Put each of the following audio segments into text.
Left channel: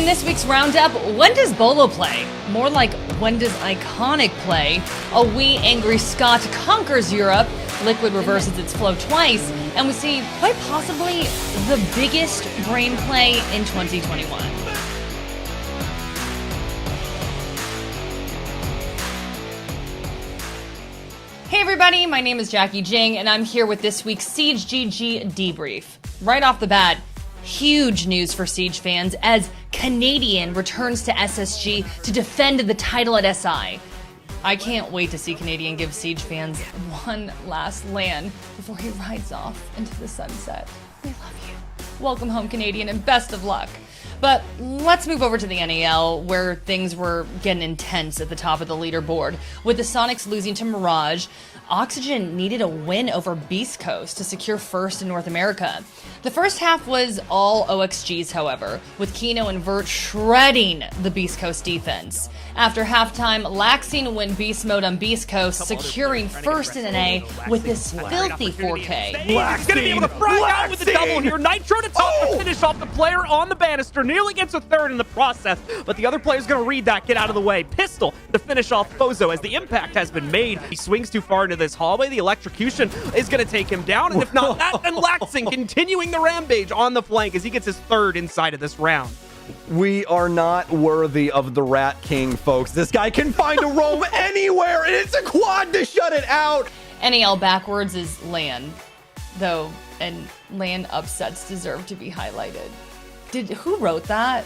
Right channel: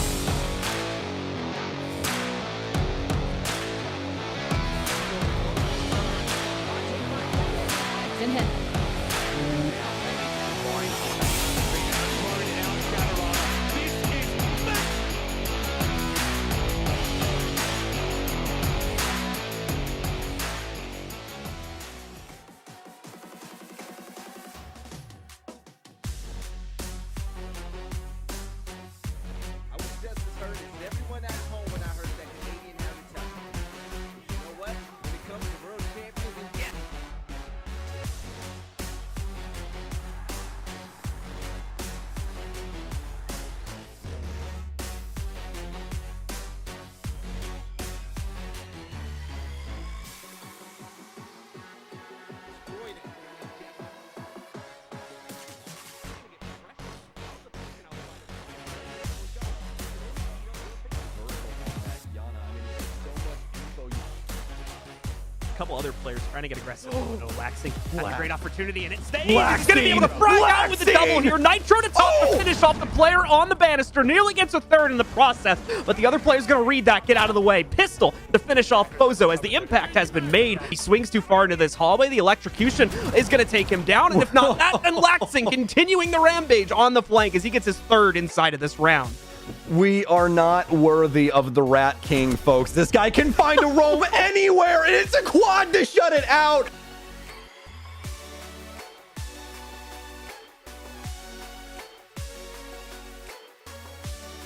In this week's roundup, when does Bolo play? More like, when does Iconic play? A wee angry Scott conquers Europe, Liquid reverses its flow twice, and we see quite possibly the biggest brain play in 2021. Hey everybody, my name is Jacki Jing, and I'm here with this week's SiegeGG Debrief. Right off the bat, huge news for Siege fans as Canadian returns to SSG to defend the title at SI. I can't wait to see Canadian give Siege fans one last land before he rides off into the sunset. We love you. Welcome home, Canadian, and best of luck. But let's move over to the NAL, where things were getting intense at the top of the leaderboard. With the Sonics losing to Mirage, Oxygen needed a win over Beast Coast to secure first in North America. The first half was all OxGs, however, with Kino and Vert shredding the Beast Coast defense. After halftime, Laxing win Beast Mode on Beast Coast, securing first in NA with this filthy 4K. He's gonna be able to fry out with the double here. Nitro to top to finish off the player on the banister. Nearly gets a third in the process, but the other player's gonna read that, get out of the way. Pistol to finish off Bozo as the impact has been made. He swings too far into this hallway. The electrocution is gonna take him down, and if not that, then Laxing continuing the rampage on the flank as he gets his third inside of this round. We are not worthy of the Rat King, folks. This guy can find a roam anywhere, and it's a quad to shut it out. NAL backwards is LAN, though, and LAN upsets deserve to be highlighted. Who wrote that?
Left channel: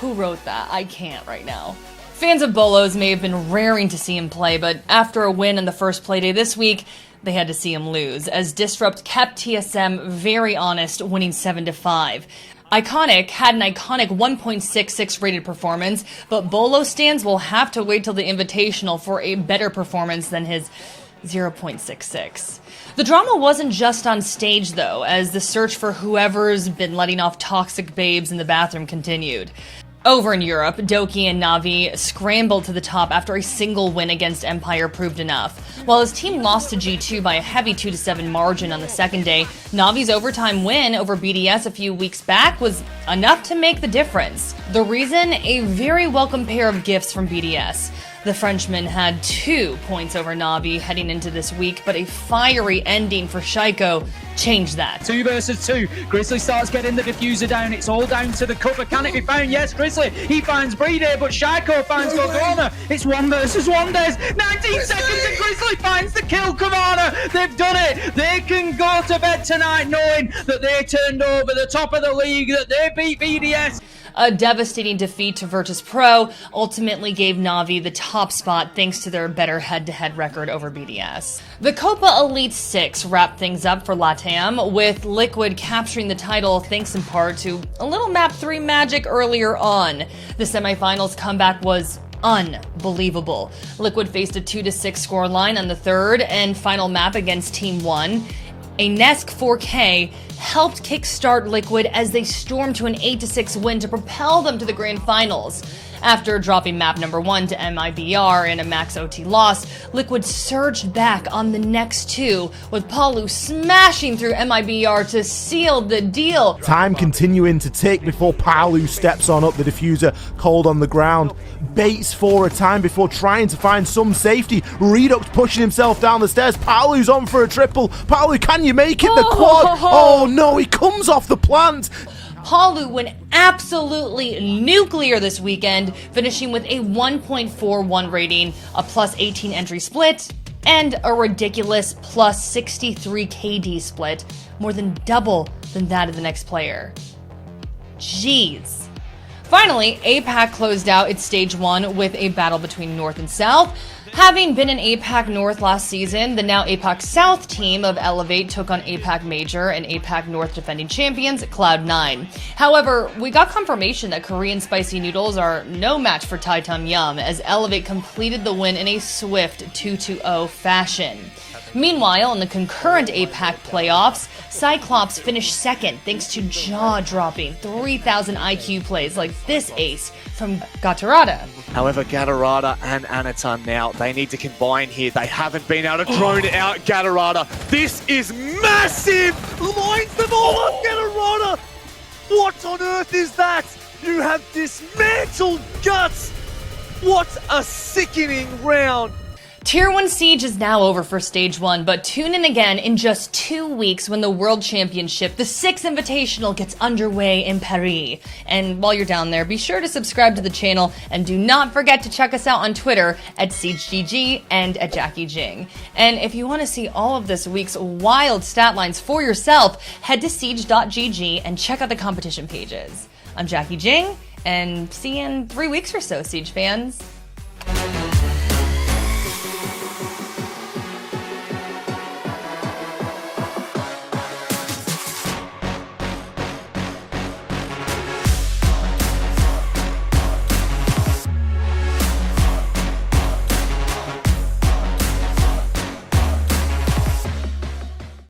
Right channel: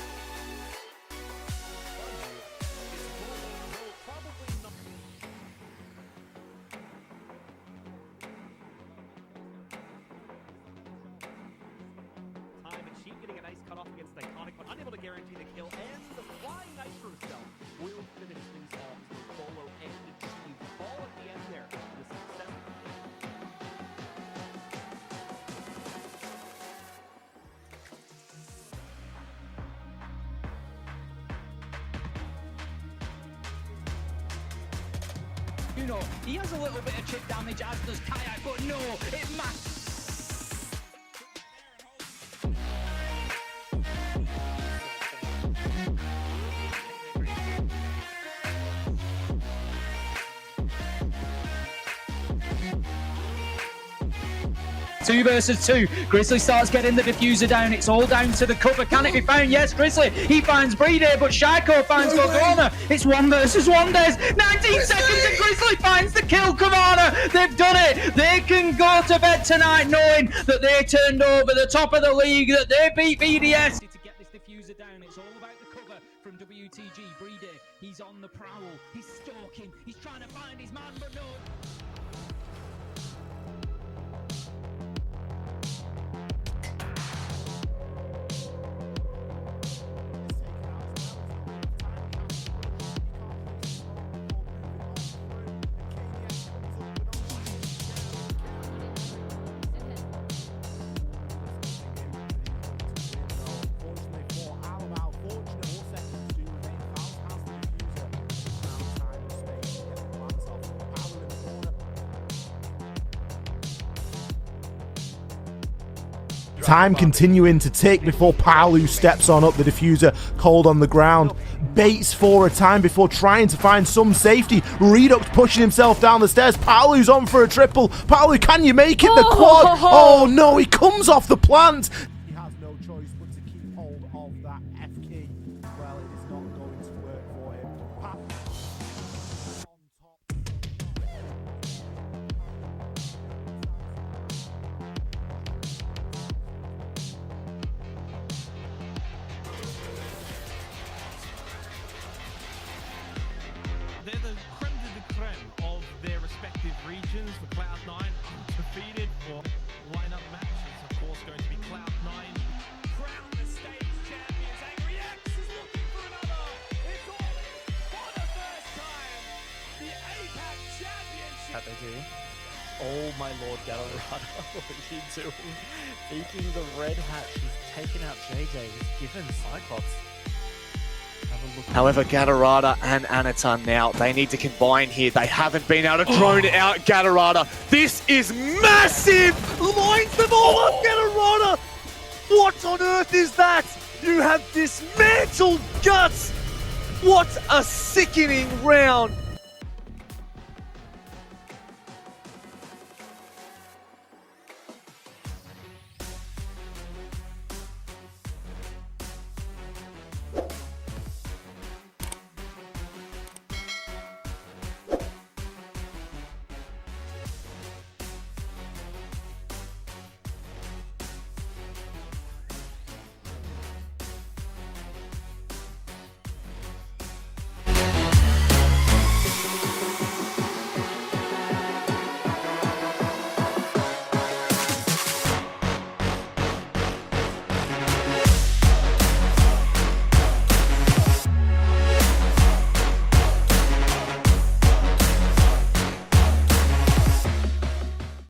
Who wrote that? I can't right now. Fans of Bolos may have been raring to see him play, but after a win in the first playday this week, they had to see him lose, as Disrupt kept TSM very honest, winning 7-5. Iconic had an iconic 1.66 rated performance, but Bolo stands will have to wait till the Invitational for a better performance than his 0.66. The drama wasn't just on stage, though, as the search for whoever's been letting off toxic babes in the bathroom continued. Over in Europe, Doki and Na'Vi scrambled to the top after a single win against Empire proved enough. While his team lost to G2 by a heavy 2-7 margin on the second day, Na'Vi's overtime win over BDS a few weeks back was enough to make the difference. The reason? A very welcome pair of gifts from BDS. The Frenchman had 2 points over Na'Vi heading into this week, but a fiery ending for Shaiko changed that. 2 versus 2. Grizzly starts getting the diffuser down. It's all down to the cover. Can it be found? Yes, Grizzly. He finds Breeder, but Shaiko finds Gorgona. It's 1 versus 1. There's 19 seconds and Grizzly finds the kill. Kamana, they've done it. They can go to bed tonight knowing that they turned over the top of the league, that they beat BDS. A devastating defeat to Virtus.pro ultimately gave Na'Vi the top spot thanks to their better head-to-head record over BDS. The Copa Elite Six wrapped things up for LATAM, with Liquid capturing the title thanks in part to a little Map 3 magic earlier on. The semifinals comeback was unbelievable. Liquid faced a 2-6 scoreline on the third and final map against Team 1. A Nesk 4K helped kickstart Liquid as they stormed to an 8-6 win to propel them to the grand finals. After dropping map number 1 to MIBR in a max OT loss, Liquid surged back on the next 2, with Palu smashing through MIBR to seal the deal. Time continuing to tick before Palu steps on up the diffuser, cold on the ground. Baits for a time before trying to find some safety. Redux pushing himself down the stairs. Palu's on for a triple. Palu, can you make it? The quad. Oh no, he comes off the plant. Palu went absolutely nuclear this weekend, finishing with a 1.41 rating, a plus 18 entry split, and a ridiculous plus 63 KD split, more than double than that of the next player. Jeez. Finally, APAC closed out its Stage 1 with a battle between North and South. Having been in APAC North last season, the now APAC South team of Elevate took on APAC Major and APAC North defending champions Cloud9. However, we got confirmation that Korean spicy noodles are no match for Thai Tom Yum, as Elevate completed the win in a swift 2-0 fashion. Meanwhile, in the concurrent APAC playoffs, Cyclops finished second thanks to jaw-dropping 3,000 IQ plays like this ace from Gatorada. However, Gatorada and Anaton now, they need to combine here. They haven't been able to drone out Gatorada. This is massive! Lines them all up, Gatorada! What on earth is that? You have dismantled Guts. What a sickening round. Tier 1 Siege is now over for Stage 1, but tune in again in just 2 weeks when the World Championship, the 6th Invitational, gets underway in Paris. And while you're down there, be sure to subscribe to the channel, and do not forget to check us out on Twitter at SiegeGG and at Jacki Jing. And if you want to see all of this week's wild stat lines for yourself, head to siege.gg and check out the competition pages. I'm Jacki Jing, and see you in 3 weeks or so, Siege fans.